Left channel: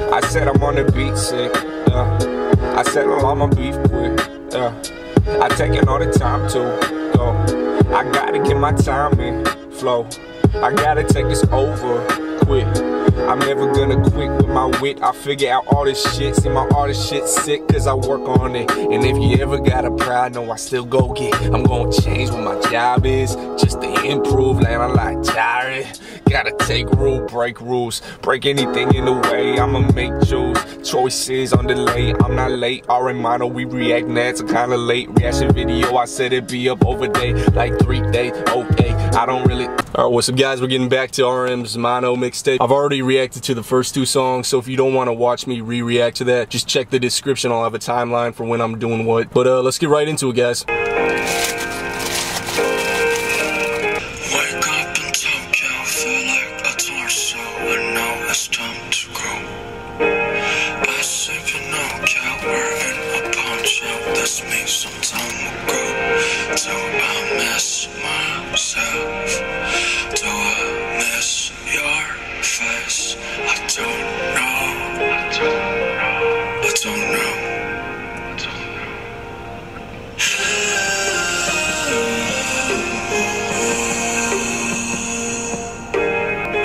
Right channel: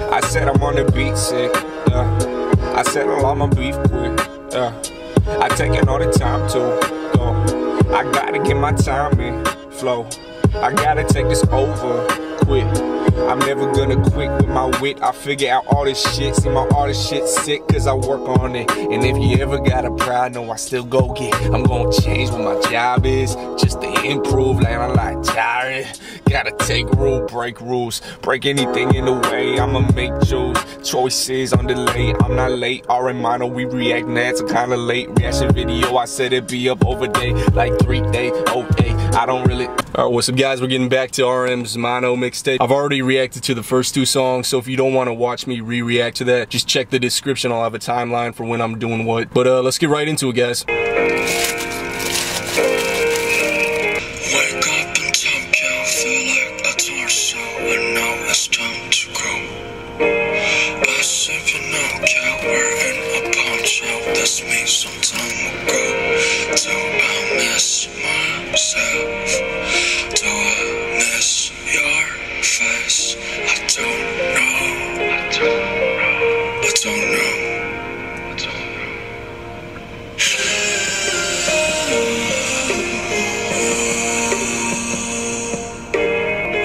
I said I'm on the beat sick, yeah. I settle all my beef quick, yeah. I taking all the time to go. I gotta get my time in, flow. I gotta take this over, quit. I'm never gonna quit with my wit. I figure out all this shit. See my all this shit sick cause I work on it. And if you ever got a pride, no, I still go get. I'm gonna change what my job is just to improve. Like I'm like tired. Gotta take rule, break rules, break anything in the way. I'ma make choices on delay. I'm not late. Mono, we react now. It's kinda late. Reaction video, I said it'd be up over day, like 3 days. Okay, I don't really. Alright, what's up, guys? We're getting back to RM's Mono mixtape. I've already reacted to the first 2 songs, so if you don't want to watch me re-react to that, just check the description. I'll have a timeline for when I'm doing what. But let's get right into it, guys. That's me some time ago. Do I miss myself? Do I miss your face? I don't know. I don't know. I don't know. I don't know.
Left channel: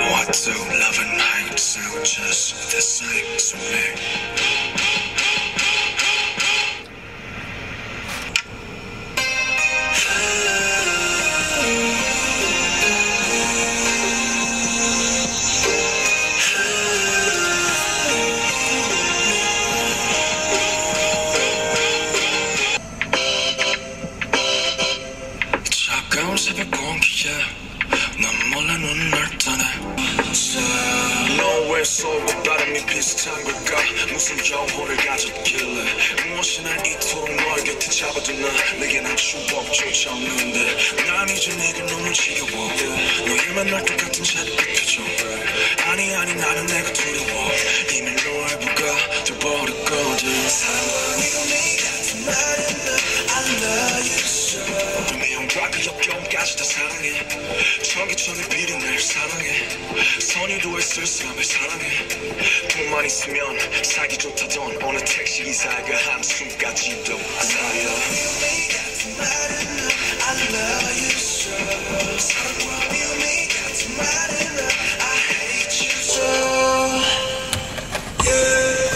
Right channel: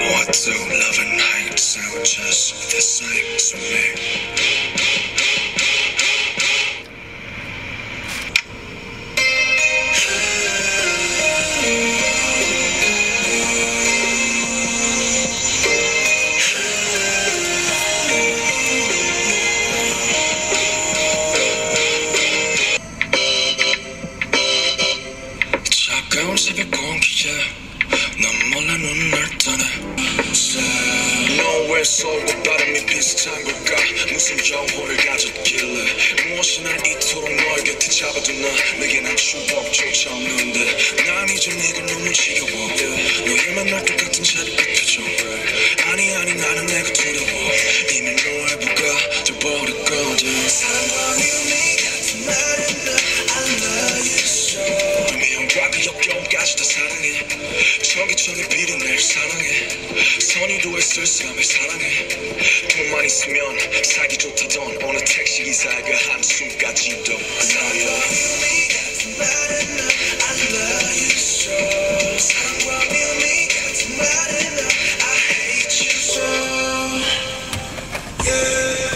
What do love and hate sound just the same to me? 새벽 공기에 난 몰라 눈을 떠내 너왜 서울과 바람이 비슷한 걸까 무슨 영혼을 가졌길래 무엇이 날 이토록 너의 곁에 잡아두나 내게 난 추억조차 없는데 난 이제 네가 너무 지겨워 너의 만날 똑같은 자리 표정 아니 나는 내가 두려워 이미 너의 부가 돼버렸거든 사랑과 믿음이 같은 말은 I love you so 그 역경까지 다 사랑해 전기천에 비린 날 사랑해 선유도의 쓸쓸함을 사랑해 돈만 있으면 살기 좋다던 어느 택시기사가 한숨까지도 I love you so 사랑과 미움이 같은 말은 I hate you so yeah.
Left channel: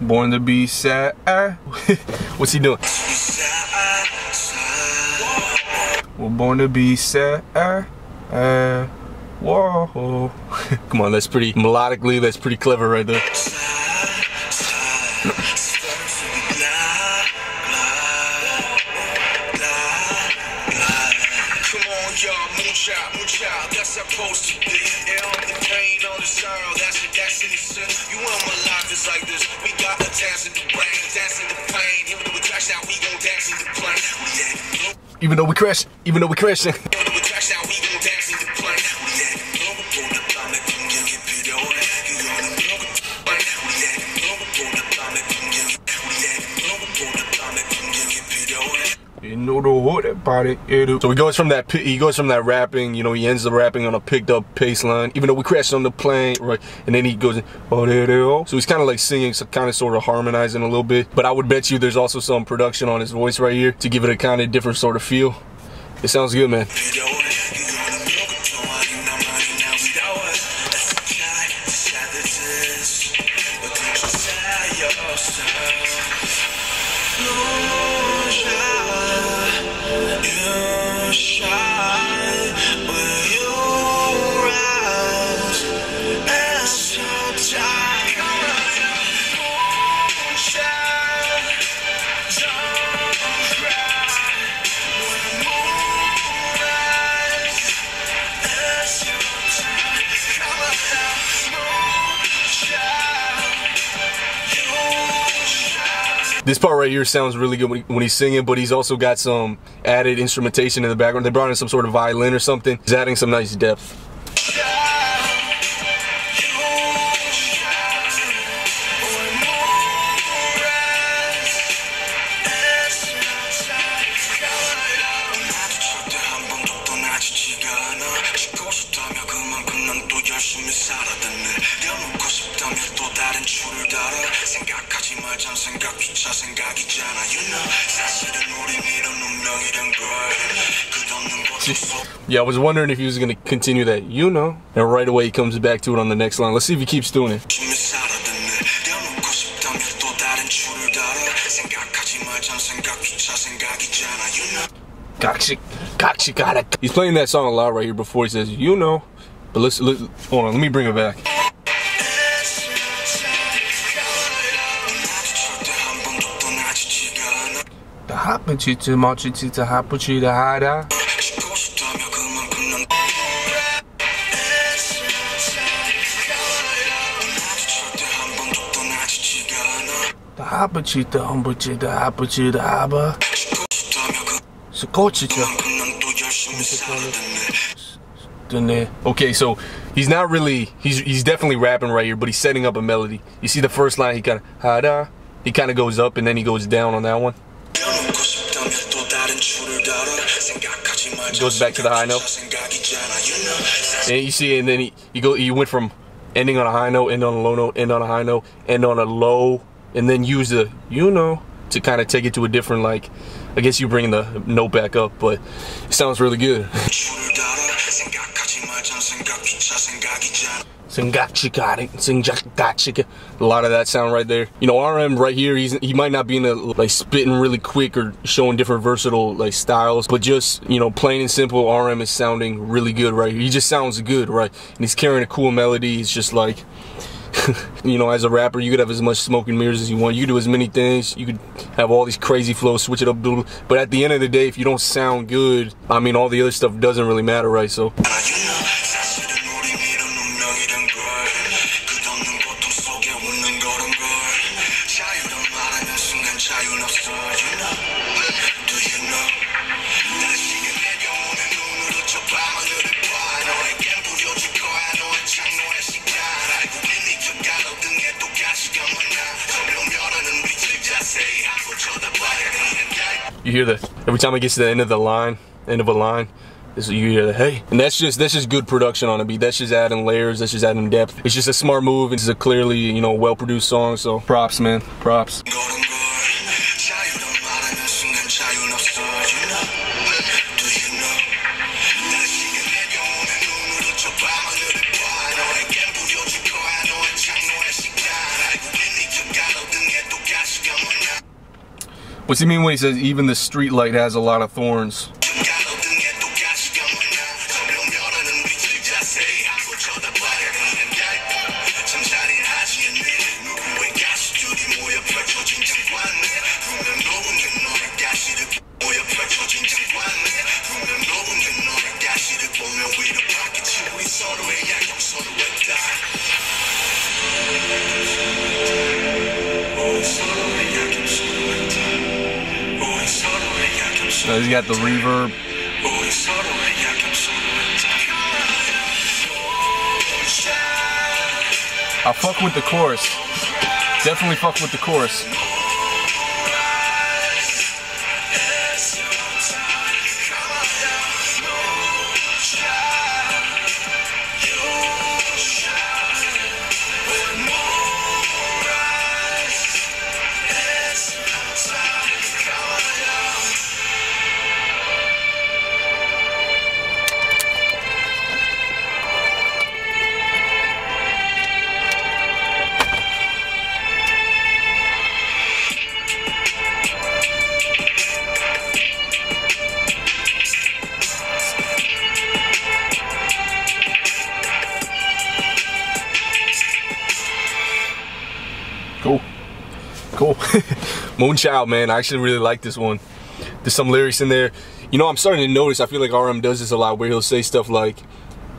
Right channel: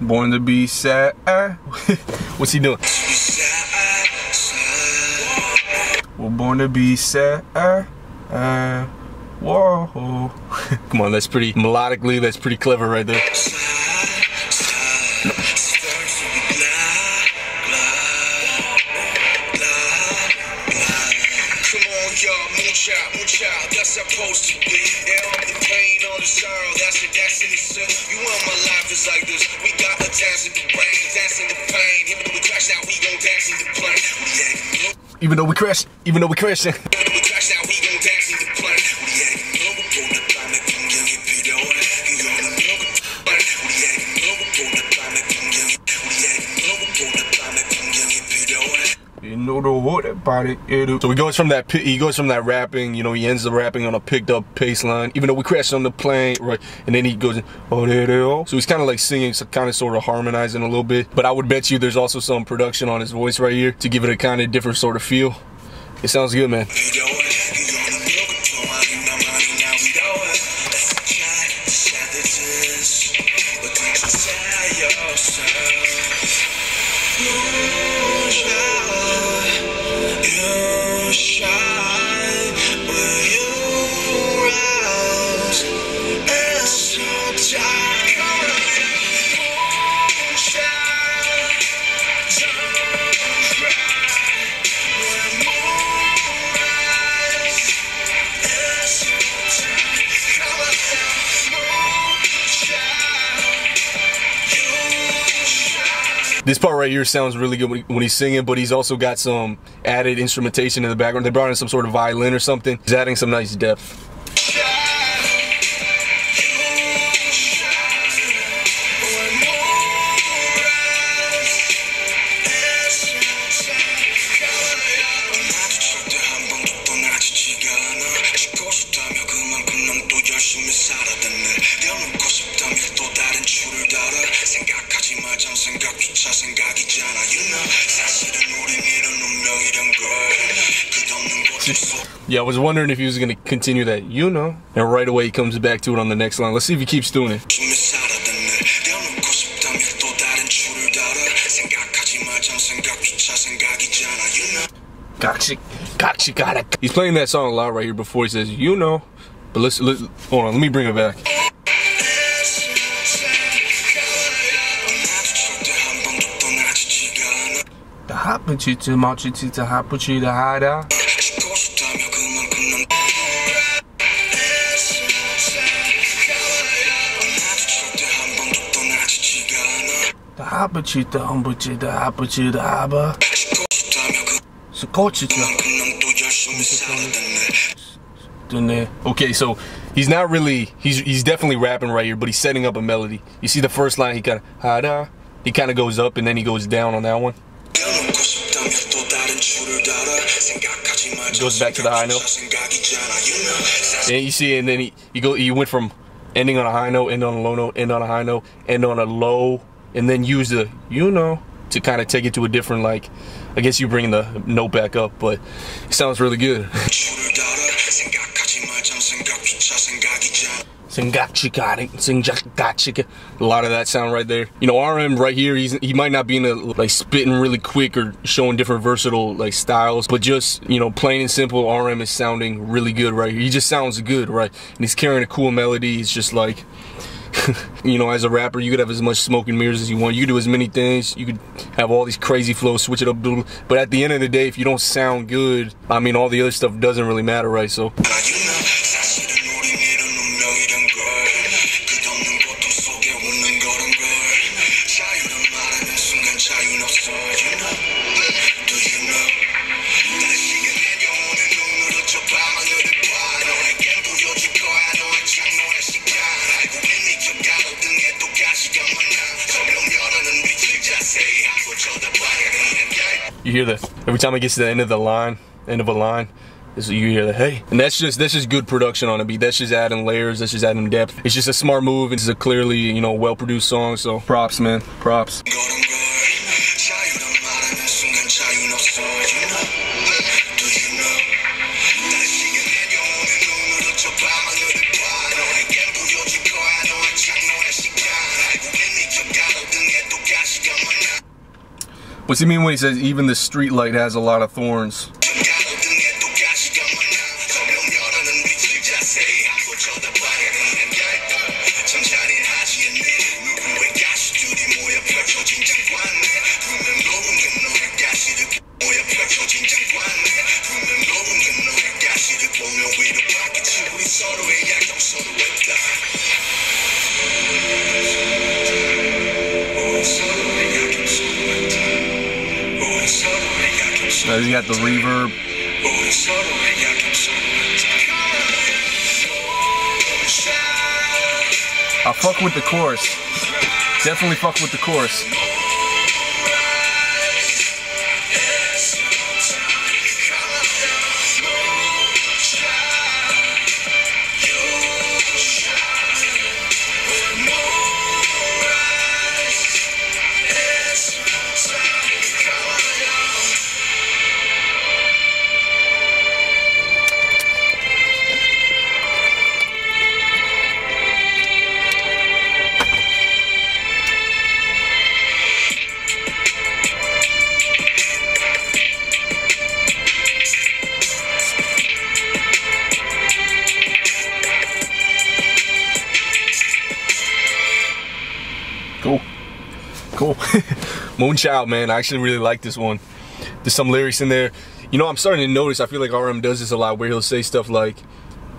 Born to be sad. What's he doing? Well, born to be sad. Whoa. Come on, that's pretty melodically. That's pretty clever right there. Moonchild, that's supposed to be. Yeah, all the pain, all the sorrow, that's your destiny, son. You want my life is like this. We got a dance in the rain, dance in the pain. Even though we crash out, we gon' dance in the plane. Even though we crash, even though we crashing. Even though we crash out, we gon' dance in the plane. You know the what about it. So he goes from that rapping, you know, he ends the rapping on a picked up pace line, even though we crashed on the plane, right? And then he goes in, so he's kind of like singing, so kind of sort of harmonizing a little bit. But I would bet you there's also some production on his voice right here to give it a kind of different sort of feel. It sounds good, man. This part right here sounds really good when he's singing, but he's also got some added instrumentation in the background. They brought in some sort of violin or something. He's adding some nice depth. Yeah, I was wondering if he was going to continue that, you know, and right away he comes back to it on the next line. Let's see if he keeps doing it. He's playing that song a lot right here before he says, you know. But let's hold on, let me bring it back. Okay, so he's not really, he's definitely rapping right here, but he's setting up a melody. You see the first line, he kind of goes up and then he goes down on that one. He goes back to the high note. And you see, and then he went from ending on a high note, end on a low note, end on a high note, end on a low, and then use the, you know, to kind of take it to a different, like, I guess you're bringing the note back up, but it sounds really good. A lot of that sound right there. You know, RM right here, he might not be in a, like, spitting really quick or showing different versatile, like, styles, but just, you know, plain and simple, RM is sounding really good right here. He just sounds good, right? And he's carrying a cool melody. It's just like, you know, as a rapper, you could have as much smoke and mirrors as you want. You could do as many things. You could have all these crazy flows, switch it up, but at the end of the day, if you don't sound good, I mean, all the other stuff doesn't really matter, right? So you hear that every time it gets to the end of a line, you hear the hey, and that's just good production on a beat. That's just adding layers. That's just adding depth. It's just a smart move. It's a clearly, you know, well-produced song. So props, man, props. What's he mean when he says even the street light has a lot of thorns? He's got the reverb. I fuck with the chorus. Definitely fuck with the chorus. Cool. Moonchild, man, I actually really like this one. There's some lyrics in there. You know, I'm starting to notice, I feel like RM does this a lot, where he'll say stuff like,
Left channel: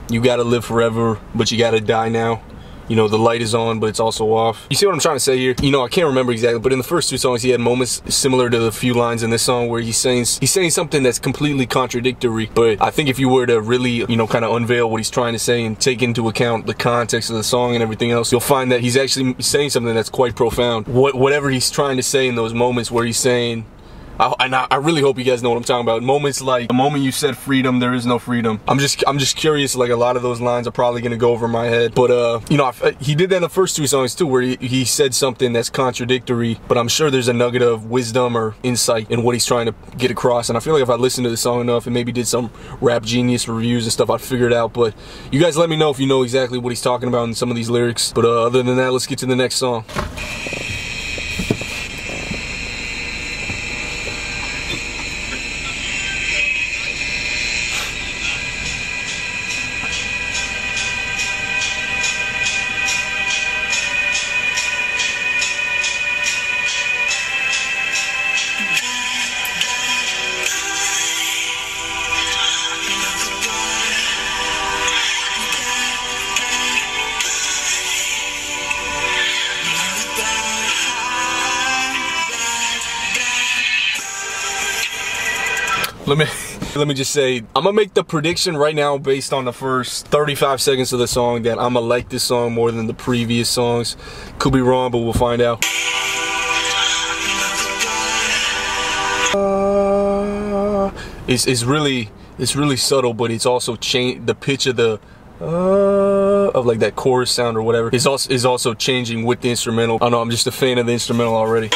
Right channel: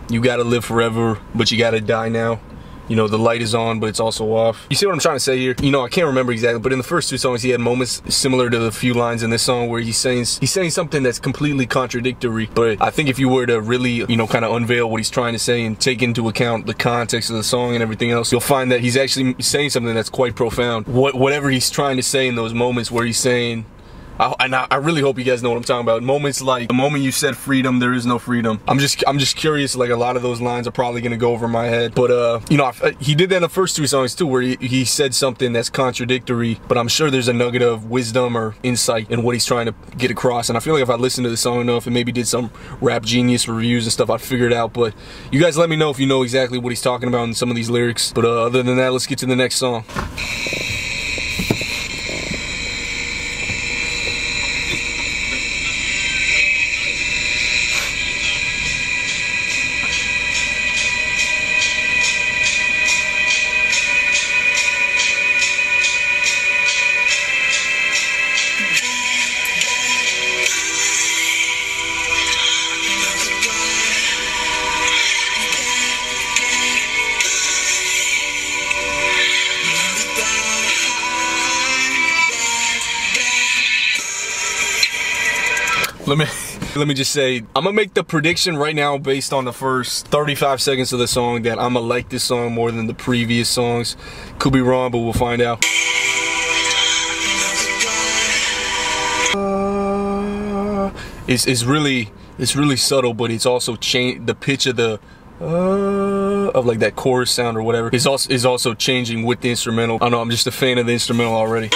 you gotta live forever, but you gotta die now. you know, the light is on, but it's also off. You see what I'm trying to say here? You know, I can't remember exactly, but in the first two songs, he had moments similar to the few lines in this song where he's saying something that's completely contradictory. But I think if you were to really, you know, kind of unveil what he's trying to say and take into account the context of the song and everything else, you'll find that he's actually saying something that's quite profound. Whatever he's trying to say in those moments where he's saying, I really hope you guys know what I'm talking about. Moments like the moment you said freedom, there is no freedom. I'm just curious. Like, a lot of those lines are probably gonna go over my head. But you know, he did that in the first two songs too, where he said something that's contradictory. But I'm sure there's a nugget of wisdom or insight in what he's trying to get across. And I feel like if I listened to the song enough and maybe did some Rap Genius reviews and stuff, I'd figure it out. But you guys let me know if you know exactly what he's talking about in some of these lyrics. But other than that, let's get to the next song. Let me just say, I'm gonna make the prediction right now based on the first 35 seconds of the song that I'm gonna like this song more than the previous songs. Could be wrong, but we'll find out. It's really subtle, but it's also the pitch of the of like that chorus sound or whatever is also changing with the instrumental. I don't know, I'm just a fan of the instrumental already.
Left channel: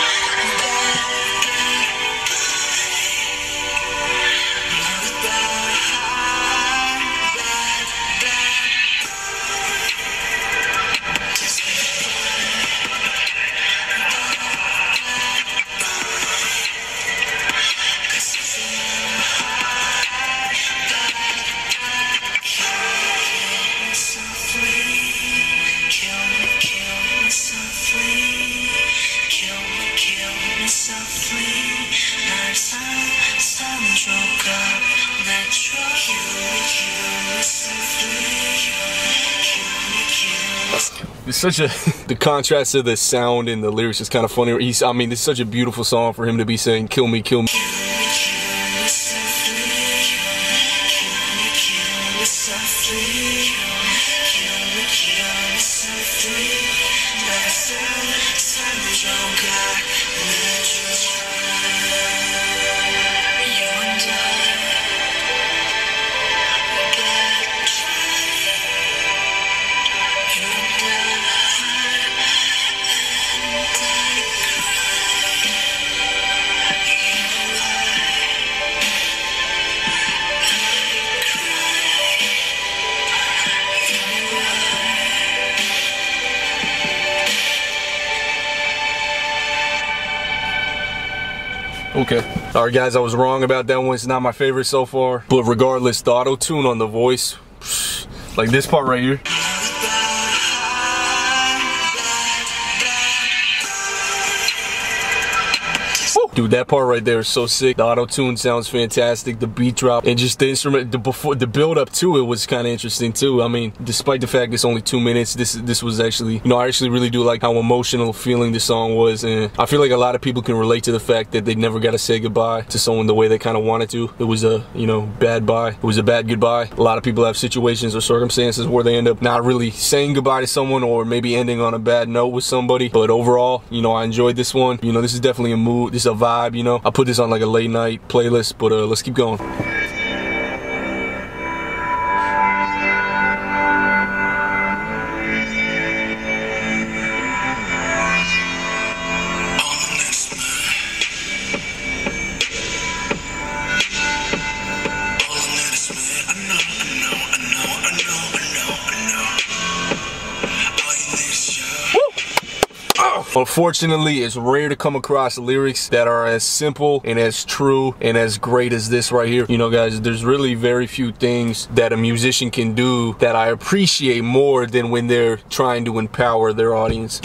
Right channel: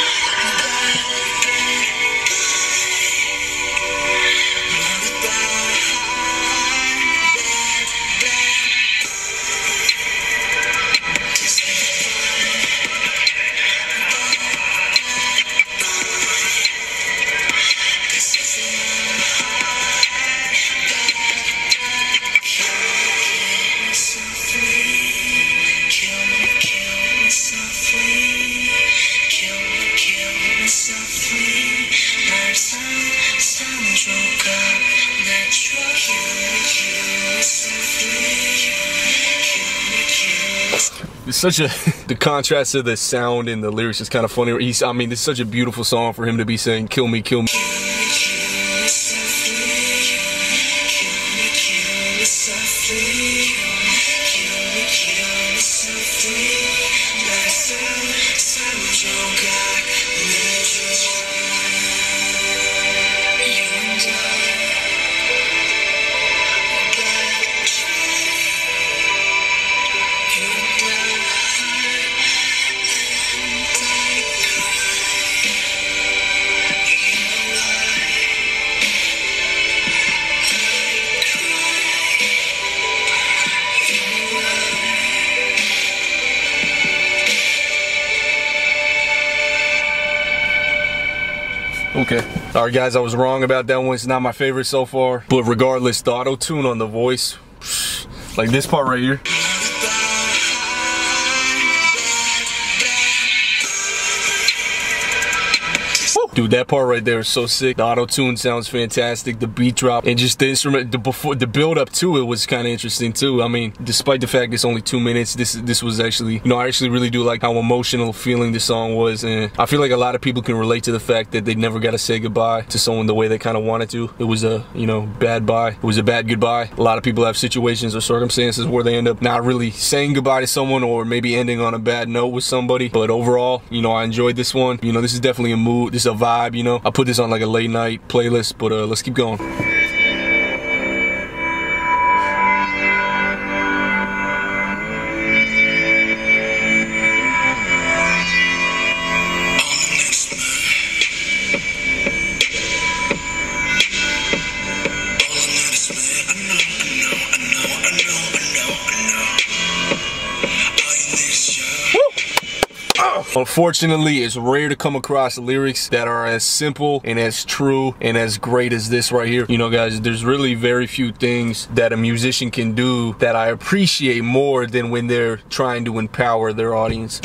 It's such a, the contrast of the sound and the lyrics is kind of funny. I mean, it's such a beautiful song for him to be saying, kill me, kill me. Okay. Alright guys, I was wrong about that one. It's not my favorite so far. But regardless, the auto-tune on the voice, like this part right here. Dude, that part right there is so sick. The auto-tune sounds fantastic. The beat drop and just the instrument, the build up to it was kind of interesting too. I mean, despite the fact it's only 2 minutes, this was actually, you know, I actually really do like how emotional feeling this song was, and I feel like a lot of people can relate to the fact that they never got to say goodbye to someone the way they kind of wanted to. It was a, you know, bad bye. It was a bad goodbye. A lot of people have situations or circumstances where they end up not really saying goodbye to someone or maybe ending on a bad note with somebody. But overall, you know, I enjoyed this one. You know, this is definitely a mood. This is a vibe, you know. I put this on like a late night playlist, but let's keep going. Unfortunately, it's rare to come across lyrics that are as simple and as true and as great as this right here. You know, guys, there's really very few things that a musician can do that I appreciate more than when they're trying to empower their audience.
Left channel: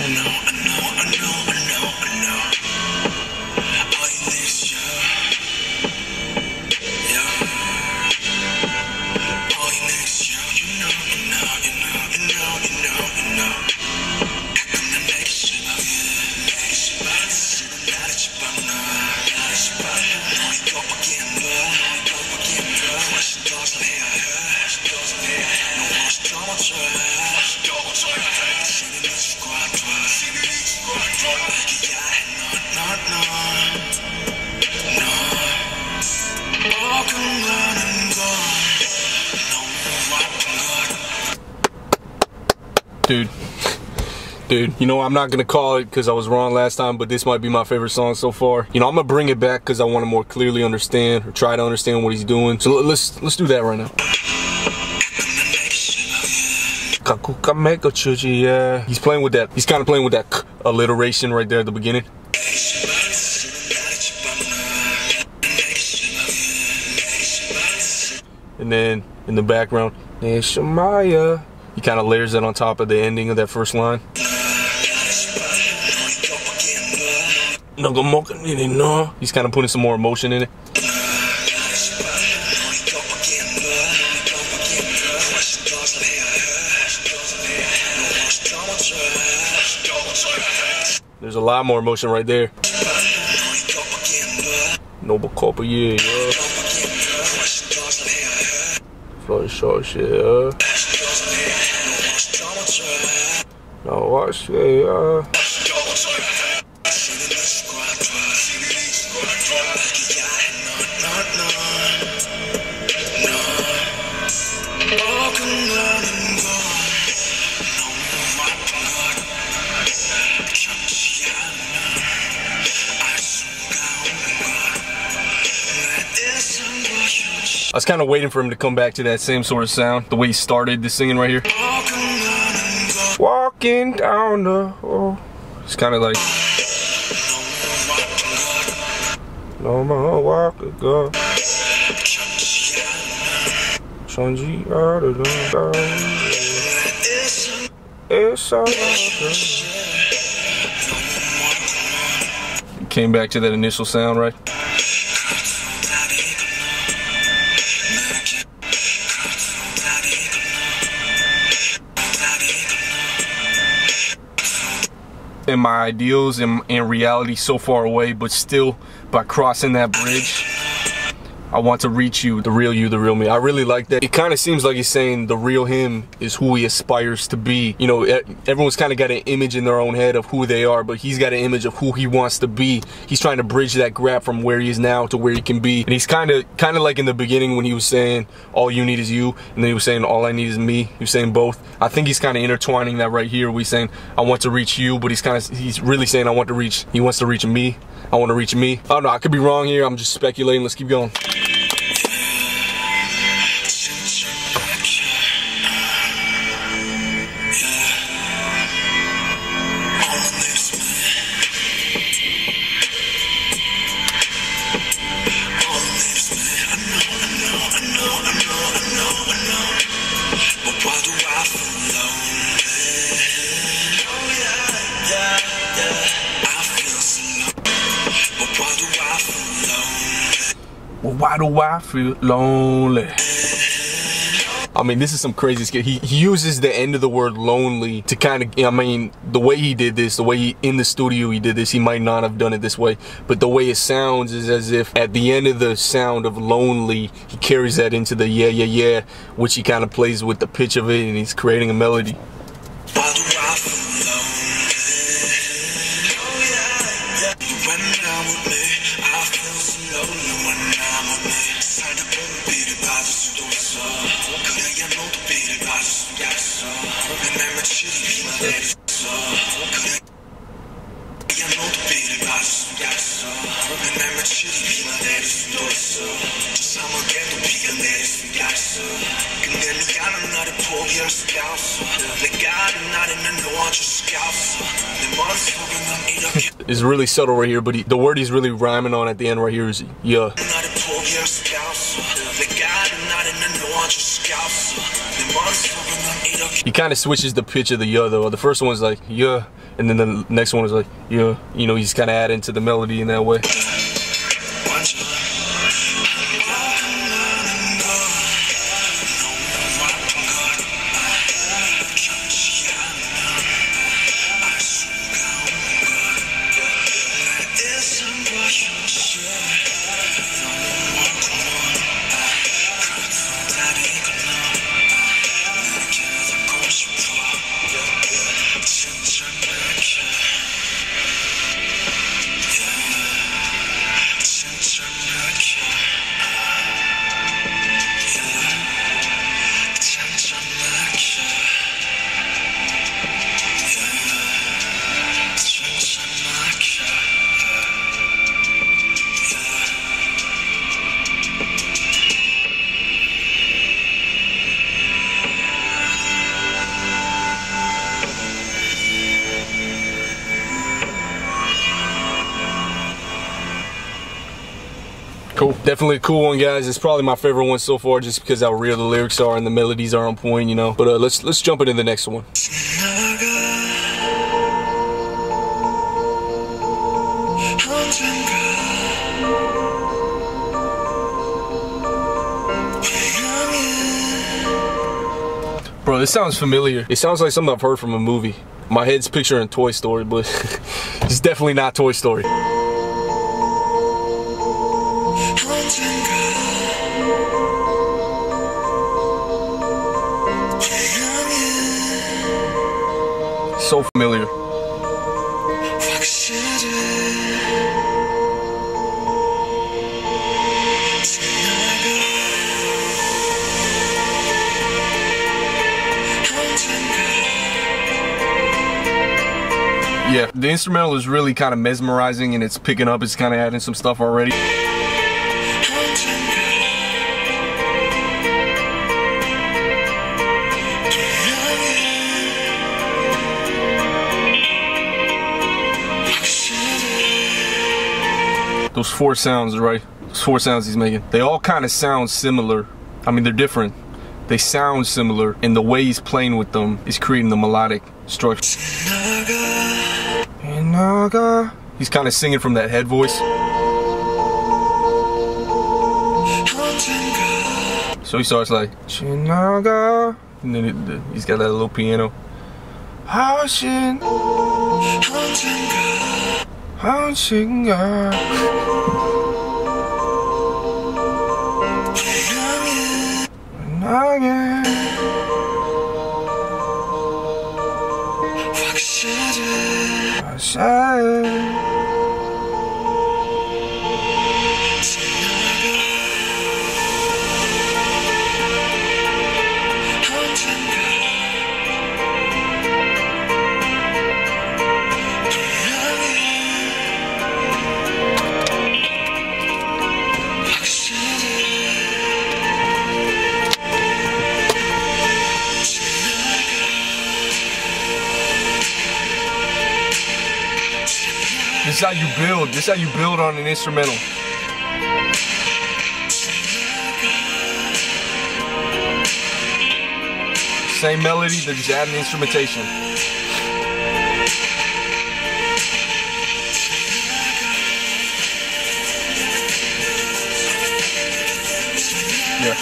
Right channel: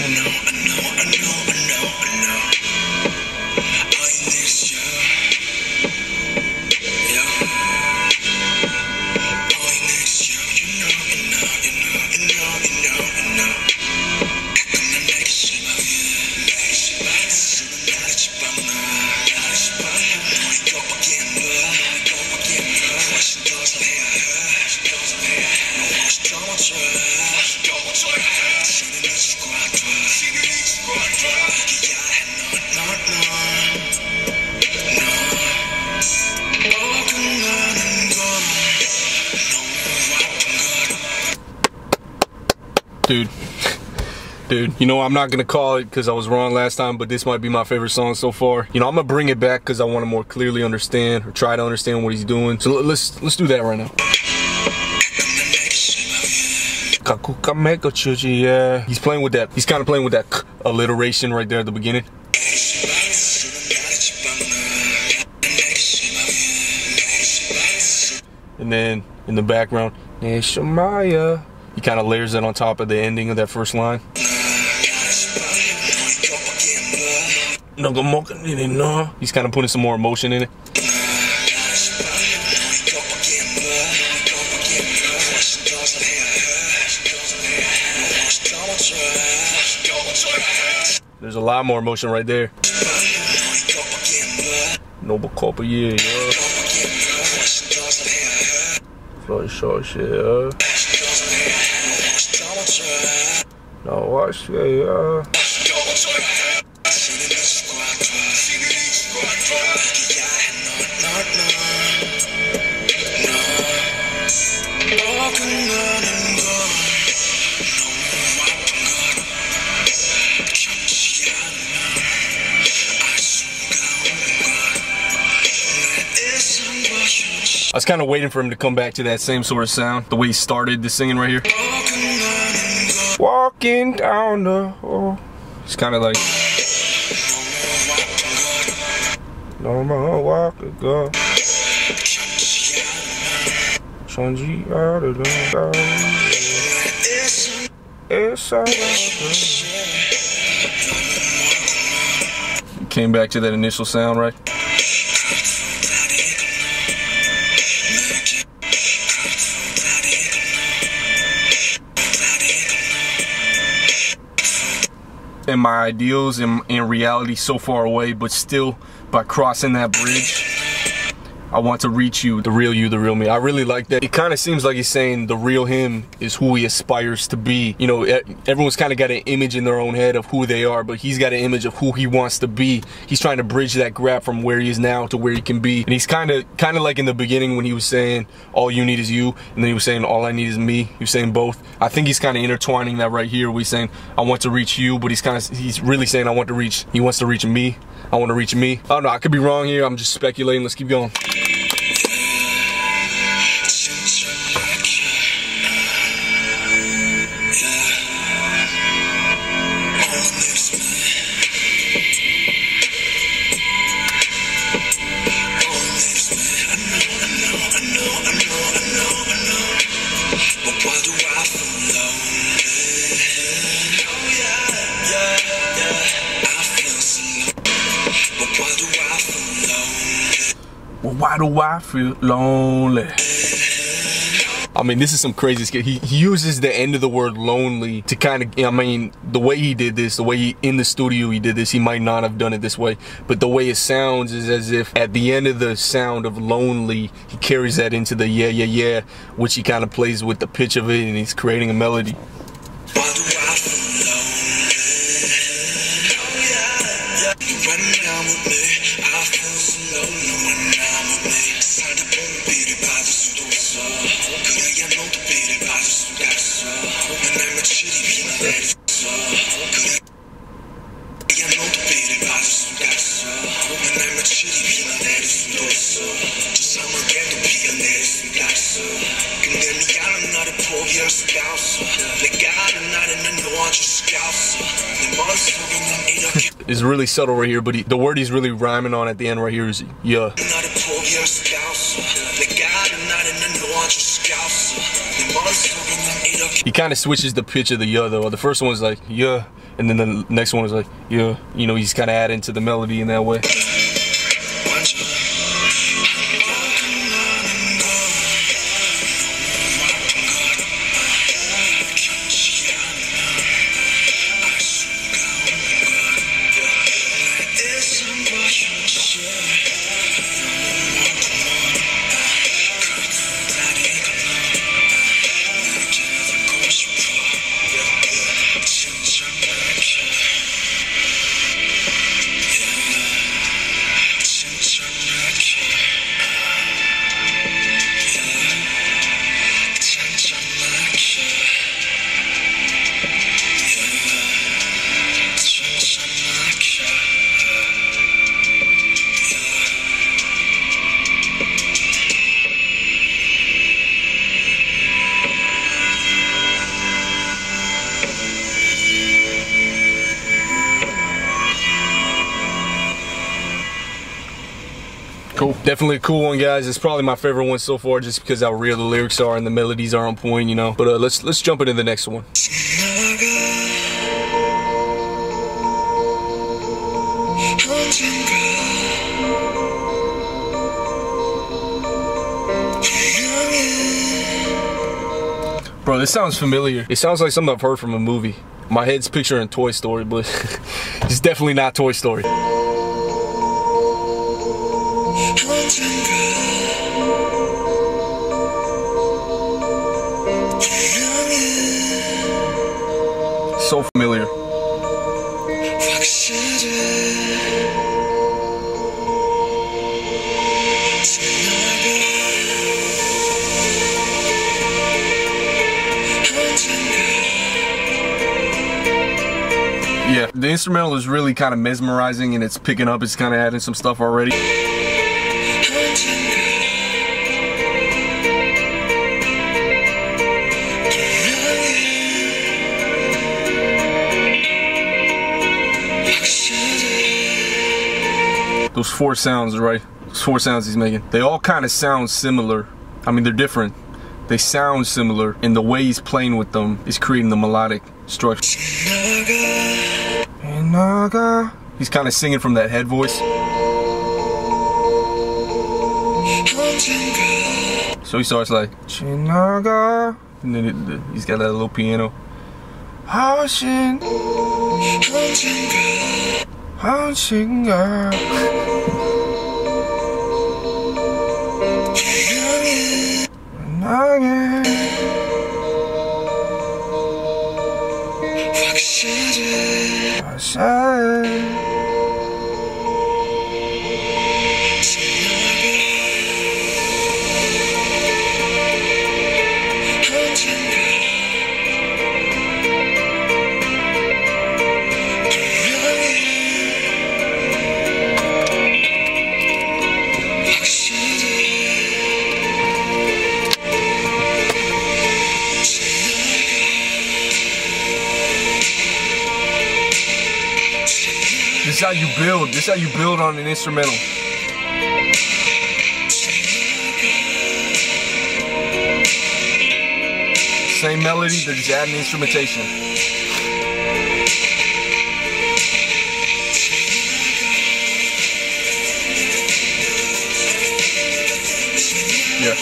Dude, you know, I'm not gonna call it because I was wrong last time, but this might be my favorite song so far. You know, I'm gonna bring it back because I want to more clearly understand, or try to understand what he's doing. So let's do that right now. Yeah, he's playing with that. He's kind of playing with that alliteration right there at the beginning. And then in the background, he kind of layers it on top of the ending of that first line. He's kind of putting some more emotion in it. There's a lot more emotion right there. Noble Copper, yeah. Floyd short shit, No, watch, yeah. I was kind of waiting for him to come back to that same sort of sound, the way he started the singing right here. Walking down the hall. It's kind of like no more walk ago. Came back to that initial sound, right? And my ideals and reality so far away, but still by crossing that bridge, I want to reach you, the real me. I really like that. It kind of seems like he's saying the real him is who he aspires to be. You know, everyone's kind of got an image in their own head of who they are, but he's got an image of who he wants to be. He's trying to bridge that gap from where he is now to where he can be. And he's kind of like in the beginning when he was saying all you need is you, and then he was saying all I need is me. He was saying both. I think he's kind of intertwining that right here. He's saying I want to reach you, but he's really saying he wants to reach me. I want to reach me. I don't know, I could be wrong here. I'm just speculating. Let's keep going. Well, why do I feel lonely? I mean, this is some crazy skit. He uses the end of the word lonely to kind of, I mean, the way he did this, the way in the studio he did this, he might not have done it this way, but the way it sounds is as if at the end of the sound of lonely, he carries that into the yeah, yeah, yeah, which he kind of plays with the pitch of it, and he's creating a melody. Why do I feel lonely? When I'm with me, I feel so lonely when I'm with me. 살다 보면 비를 받을 수도 있어. 그래야 너도 비를 받을 수가 있어. 내 며칠이 비만 내렸어. 그래야 너도 비를 받을 수가 있어. 내 며칠이 비만 내릴 수도 있어. 저 사막에도 비가 내릴 수가 있어. 근데 네가 나를 포기할 수가 없어. 내가 아는 날에 난 놓아줄 수가 없어. 내 머릿속에 난 이렇게. It's really subtle right here, but the word he's really rhyming on at the end right here is yeah. He kind of switches the pitch of the yeah though. The first one was like yeah, and then the next one was like yeah. You know, he's kind of adding to the melody in that way. Definitely a cool one, guys. It's probably my favorite one so far, just because how real the lyrics are and the melodies are on point, you know. But let's jump into the next one. Bro, this sounds familiar. It sounds like something I've heard from a movie. My head's picturing Toy Story, but it's definitely not Toy Story. So familiar. Yeah, the instrumental is really kind of mesmerizing, and it's picking up, it's kind of adding some stuff already. Those 4 sounds, right? Those 4 sounds he's making, they all kind of sound similar. I mean, they're different. They sound similar, and the way he's playing with them is creating the melodic structure. He's kind of singing from that head voice. So he starts like, and then he's got that little piano. This is how you build. This is how you build on an instrumental. Same melody, they're just adding instrumentation. Yeah.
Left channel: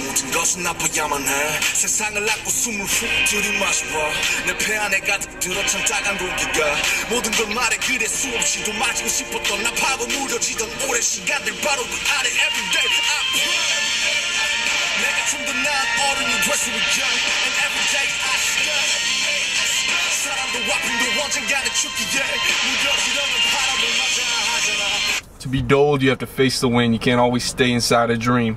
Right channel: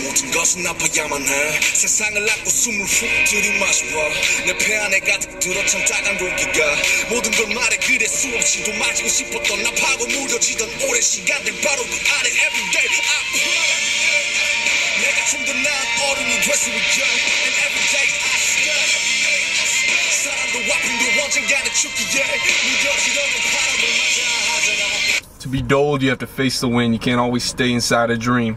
모든 것은 아파야만 해 세상을 안고 숨을 훅 들이마셔봐 내 폐 안에 가득 들어찬 따간 공기가 모든 걸 말해 그래 수없이도 마시고 싶었던 나파고 무뎌지던 오랜 시간들 바로 그 안에 everyday I pray 내가 좀 더 나은 어른이 될 수 있게 and everyday I stay 사람도 아픔도 언젠가는 죽기에 무뎌지려는 바람을 맞아 하잖아. To be dulled, you have to face the wind. You can't always stay inside a dream.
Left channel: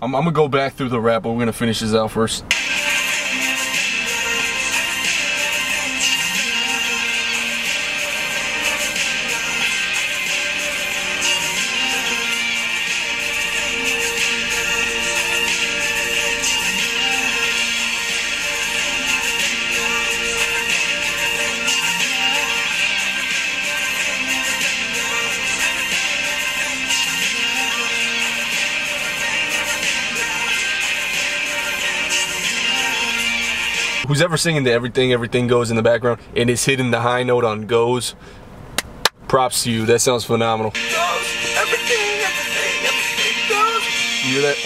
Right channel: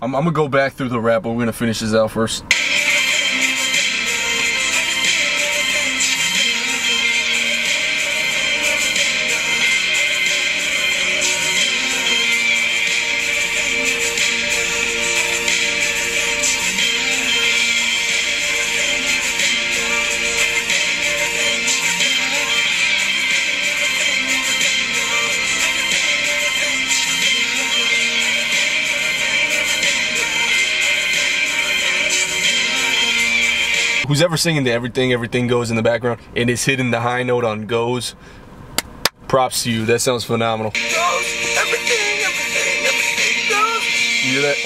I'm gonna go back through the rap, but we're gonna finish this out first. Who's ever singing the Everything Goes in the background and is hitting the high note on goes, props to you. That sounds phenomenal. Everything goes. You hear that?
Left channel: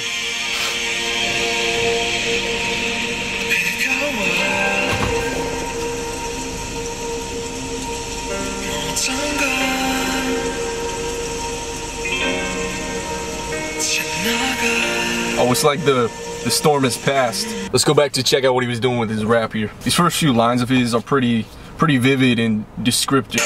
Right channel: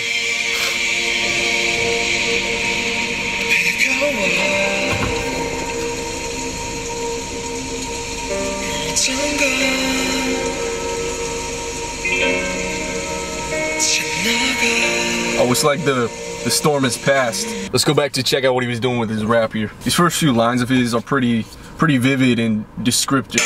Oh, it's like the storm has passed. Let's go back to check out what he was doing with his rap here. These first few lines of his are pretty vivid and descriptive.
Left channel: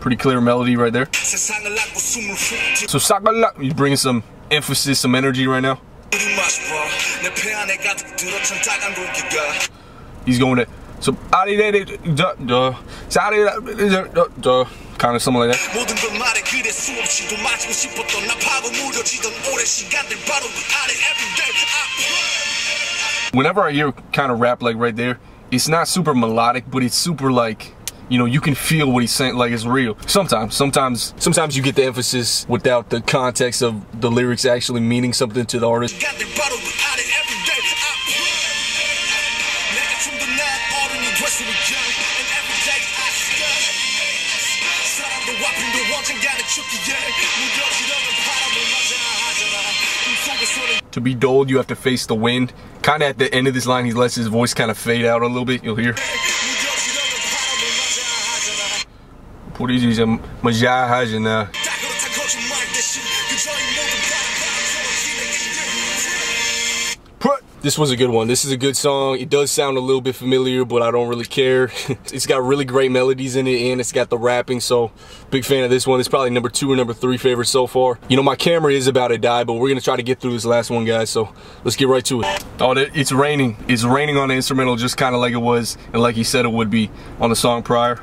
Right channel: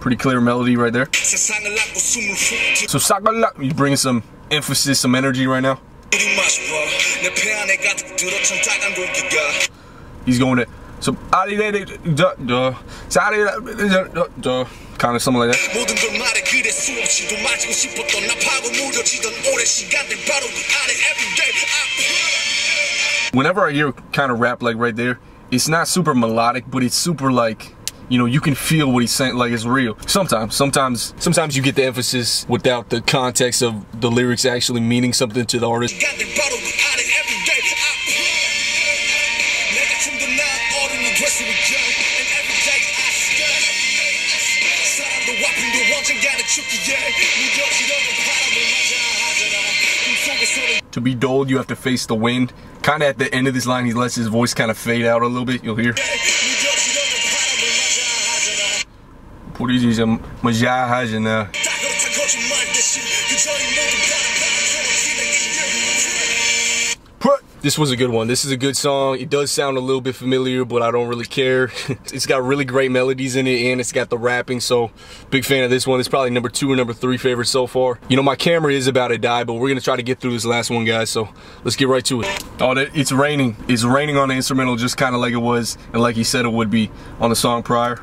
Pretty clear melody right there. So he's bringing some emphasis, some energy right now. He's going to so kind of something like that. Whenever I hear kind of rap like right there, it's not super melodic, but it's super like, you know, you can feel what he's saying, like it's real. Sometimes you get the emphasis without the context of the lyrics actually meaning something to the artist. To be dulled, you have to face the wind. Kind of at the end of this line, he lets his voice kind of fade out a little bit. You'll hear. This was a good one. This is a good song. It does sound a little bit familiar, but I don't really care. It's got really great melodies in it, and it's got the rapping, so big fan of this one. It's probably number 2 or number 3 favorite so far. You know, my camera is about to die, but we're gonna try to get through this last one, guys, so let's get right to it. Oh, it's raining. It's raining on the instrumental, just kind of like it was, and like he said it would be on the song prior.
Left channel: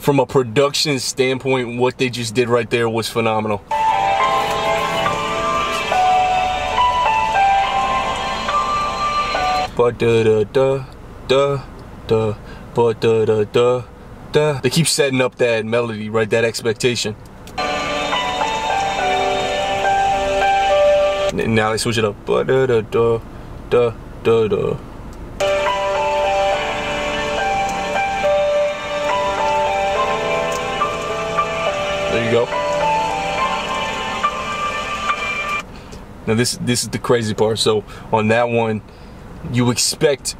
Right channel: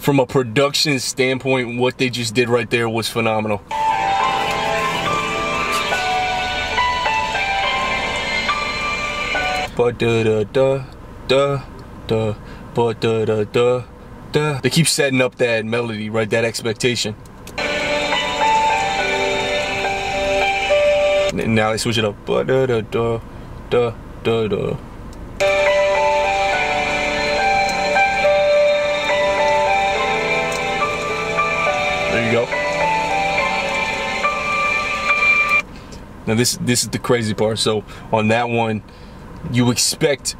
From a production standpoint, what they just did right there was phenomenal. They keep setting up that melody, right? That expectation. Now they switch it up. There you go. Now this is the crazy part. So on that one, you expect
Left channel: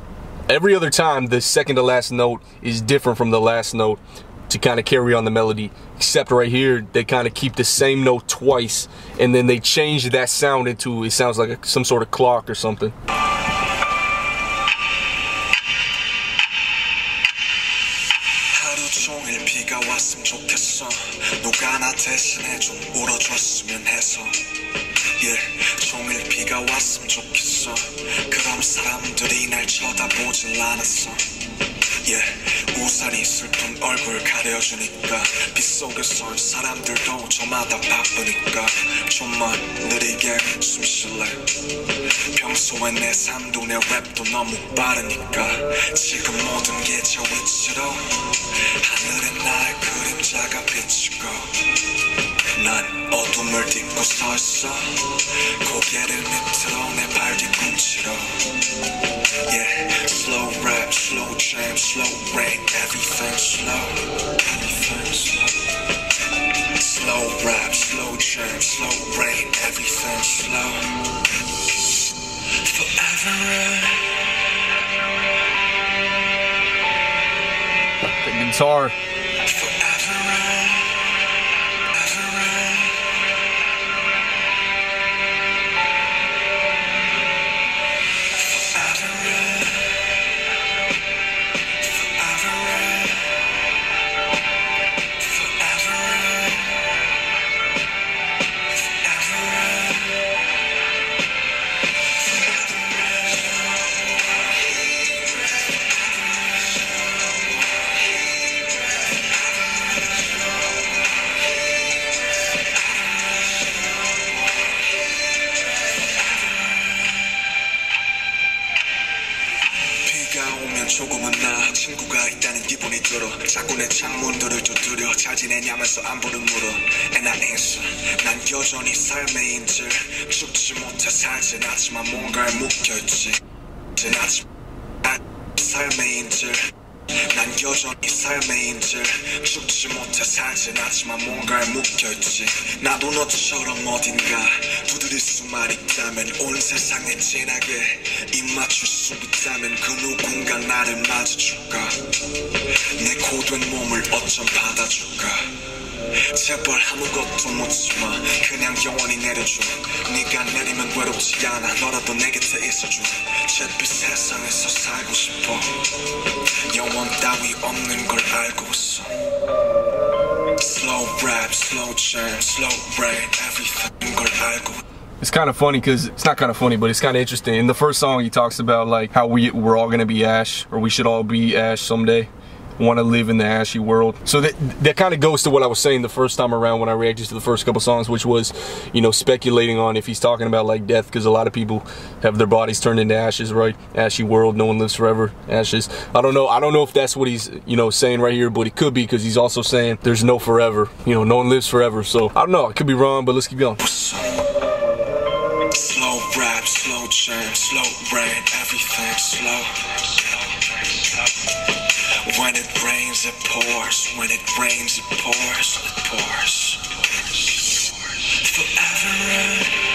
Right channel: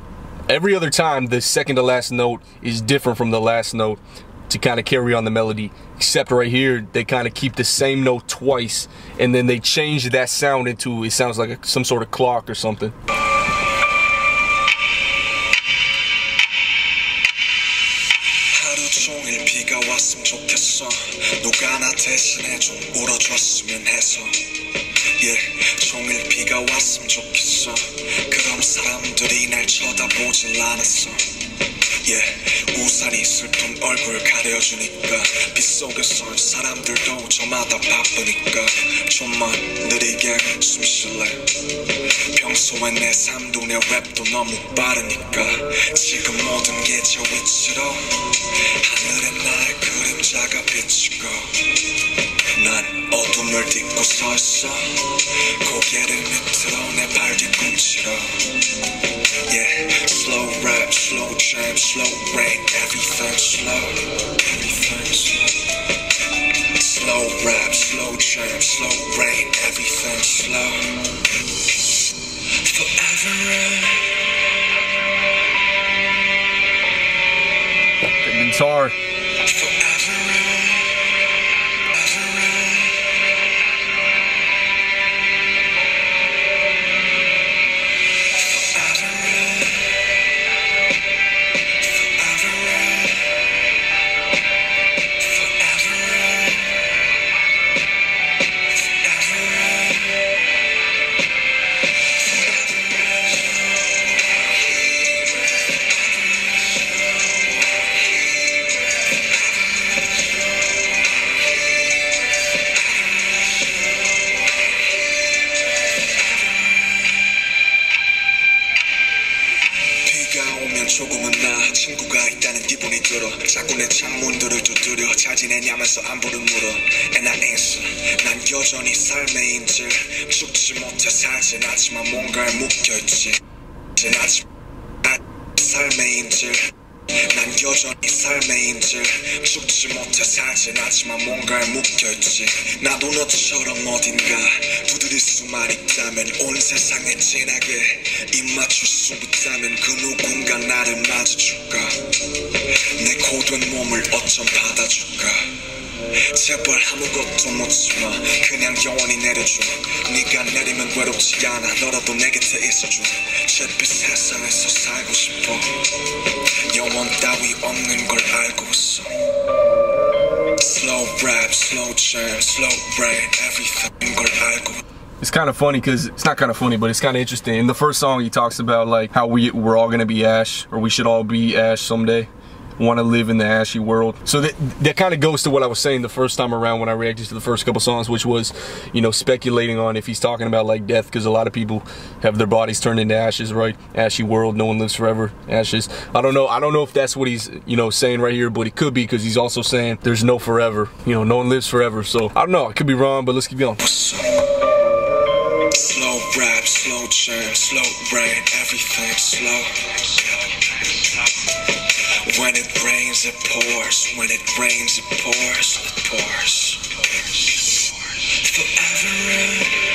every other time the second to last note is different from the last note to kind of carry on the melody. Except right here, they kind of keep the same note twice, and then they change that sound into, it sounds like some sort of clock or something. 종일 비가 왔으면 좋겠어. 그럼 사람들이 날 쳐다보질 않았어. 우산이 슬픈 얼굴 가려주니까 빗속에선 사람들도 저마다 바쁘니까 좀만 느리게 숨 쉴래. 평소에 내 삶도 내 랩도 너무 빠르니까 지금 모든 게 저 위치로 하늘에 나의 그림자가 비치고 난 어둠을 딛고 서 있어. 고개를 밑으로 내 발 뒤꿈치로. Slow rap, slow jam, slow rain, everything slow. Everything slow. Slow rap, slow jam, slow rain, everything slow. Forever. The guitar. 들어 자꾸 내 창문들을 두드려 잘 지내냐면서 안부를 물어 And I answer 난 여전히 삶의 인질 죽지 못해 살진 않지만 뭔가에 묶여있지 삶의 인질 난 여전히 삶의 인질 죽지 못해 살진 않지만 뭔가에 묶여있지 나도 너처럼 어딘가 두드릴 수만 있다면 온 세상에 진하게 입 맞출 수 있다면 그 누군가 나를 맞아줄까 내 고된 몸을 어쩜 받아줄까 제발 아무것도 묻지마 그냥 영원히 내려줘 네가 내리면 외롭지 않아 너라도 내 곁에 있어줘 잿빛 세상에서 살고 싶어 영원 따위 없는 걸 알고 있어 Slow rap, slow jam, slow rain everything 걸 알고 It's kind of funny because it's not kind of funny, but it's kind of interesting. In the first song, he talks about like how we're all gonna be ash, or we should all be ash someday. Want to live in the ashy world. So that kind of goes to what I was saying the first time around when I reacted to the first couple songs, which was, you know, speculating on if he's talking about like death, because a lot of people have their bodies turned into ashes, right? Ashy world, no one lives forever, ashes. I don't know if that's what he's, you know, saying right here, but it could be, because he's also saying there's no forever, you know, no one lives forever. So I don't know, I could be wrong, but let's keep going. Slow rap, slow jam, slow rain, everything slow. When it rains, it pours. When it rains, it pours. It pours. Forever.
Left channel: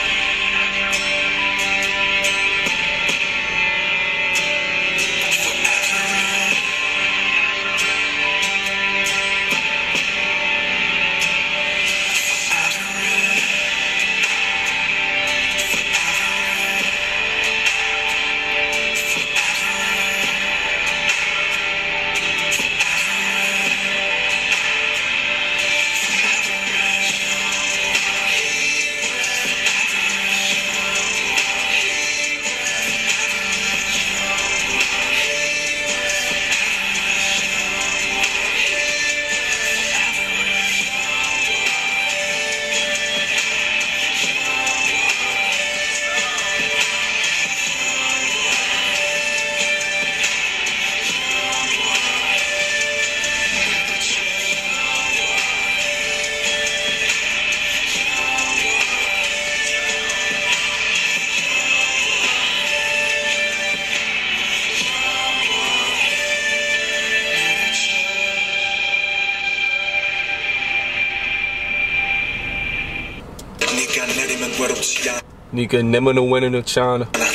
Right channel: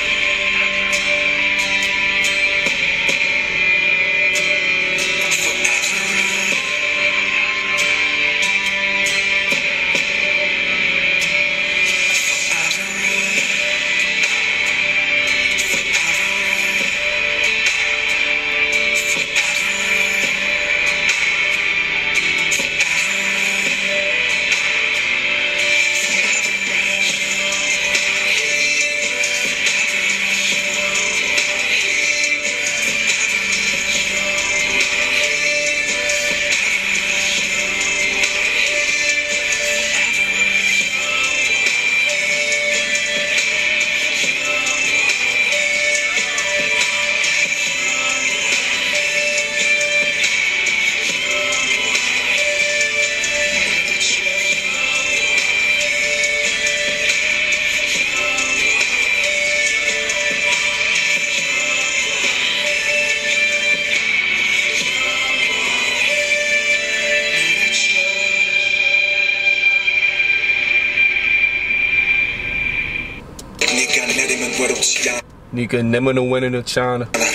Nika never winning in China. I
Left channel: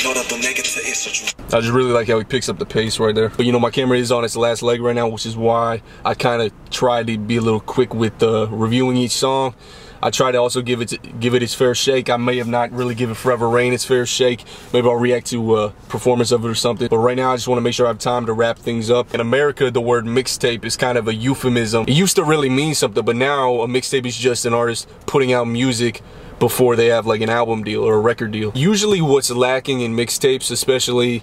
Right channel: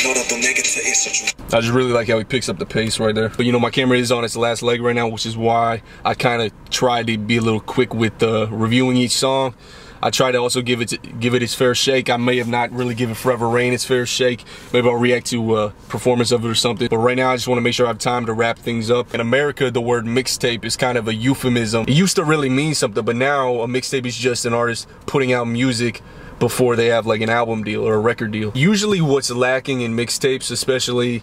just really like how he picks up the pace right there. But you know, my camera is on its last leg right now, which is why I kind of tried to be a little quick with reviewing each song. I try to also give it its fair shake. I may have not really given Forever Rain its fair shake. Maybe I'll react to a performance of it or something. But right now, I just want to make sure I have time to wrap things up. In America, the word mixtape is kind of a euphemism. It used to really mean something, but now a mixtape is just an artist putting out music before they have like an album deal or a record deal. Usually what's lacking in mixtapes, especially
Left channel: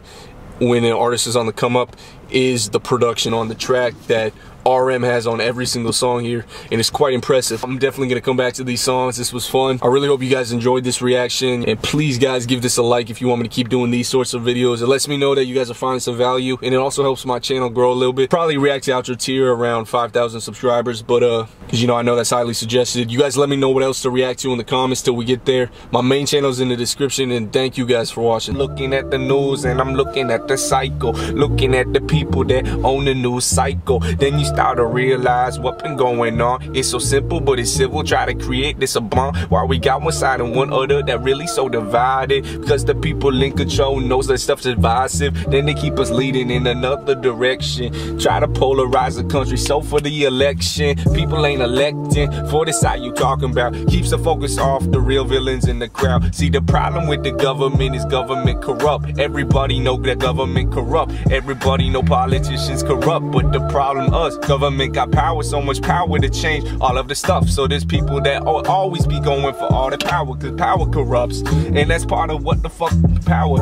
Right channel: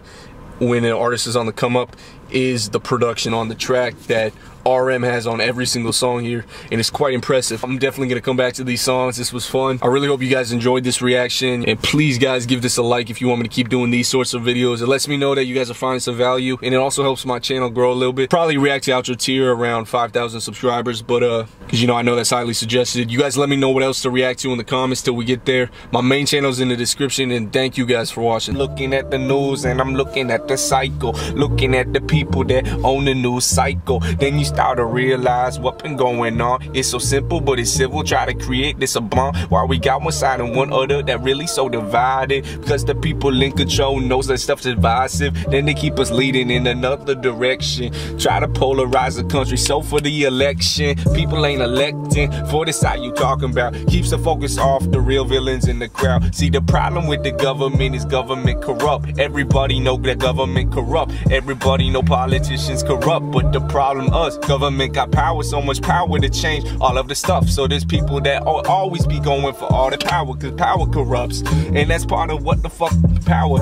when an artist is on the come up, is the production on the track that RM has on every single song here, and it's quite impressive. I'm definitely gonna come back to these songs. This was fun. I really hope you guys enjoyed this reaction, and please guys give this a like if you want me to keep doing these sorts of videos. It lets me know that you guys are finding some value, and it also helps my channel grow a little bit. Probably react to outro tier around 5,000 subscribers, but because you know, I know that's highly suggested. You guys let me know what else to react to in the comments till we get there. My main channel's in the description, and thank you guys for watching. Looking at the news and I'm looking at the cycle, looking at the people that own the news cycle. Then you start to realize what been going on. It's so simple, but it's civil. Try to create this a bond while we got one side and one other that really so divided, because the people in control knows that stuff's divisive. Then they keep us leading in another direction, try to polarize the country. So for the election, people ain't electing for the side you talking about. Keeps the focus off the real villains in the crowd. See, the problem with the government is government corrupt. Everybody know that government corrupt. Everybody know politicians corrupt. But the problem us, government got power, so much power to change all of the stuff. So there's people that always be going for all the power, cause power corrupts. And that's part of what the fuck power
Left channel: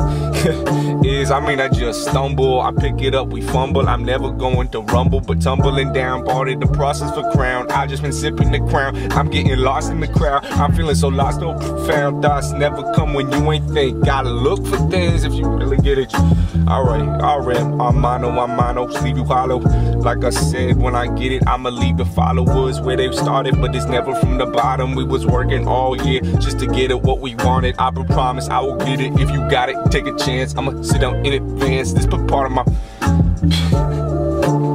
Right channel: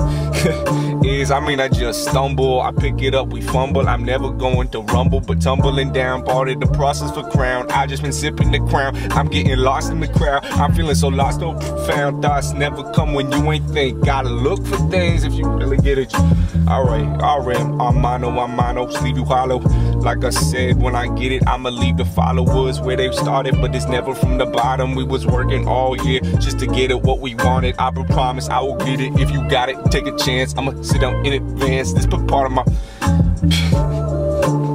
is. I mean, I just stumble, I pick it up, we fumble. I'm never going to rumble, but tumbling down, part of the process for crown. I just been sipping the crown, I'm getting lost in the crowd. I'm feeling so lost, no profound thoughts never come when you ain't think. Gotta look for things if you really get it. Alright, RM, I'm mono, sleeve you hollow. Like I said, when I get it, I'ma leave the followers where they started, but it's never from the bottom. We was working all year just to get it what we wanted. I promise I will get it. If you got it, take a chance. I'ma sit down in advance. This part of my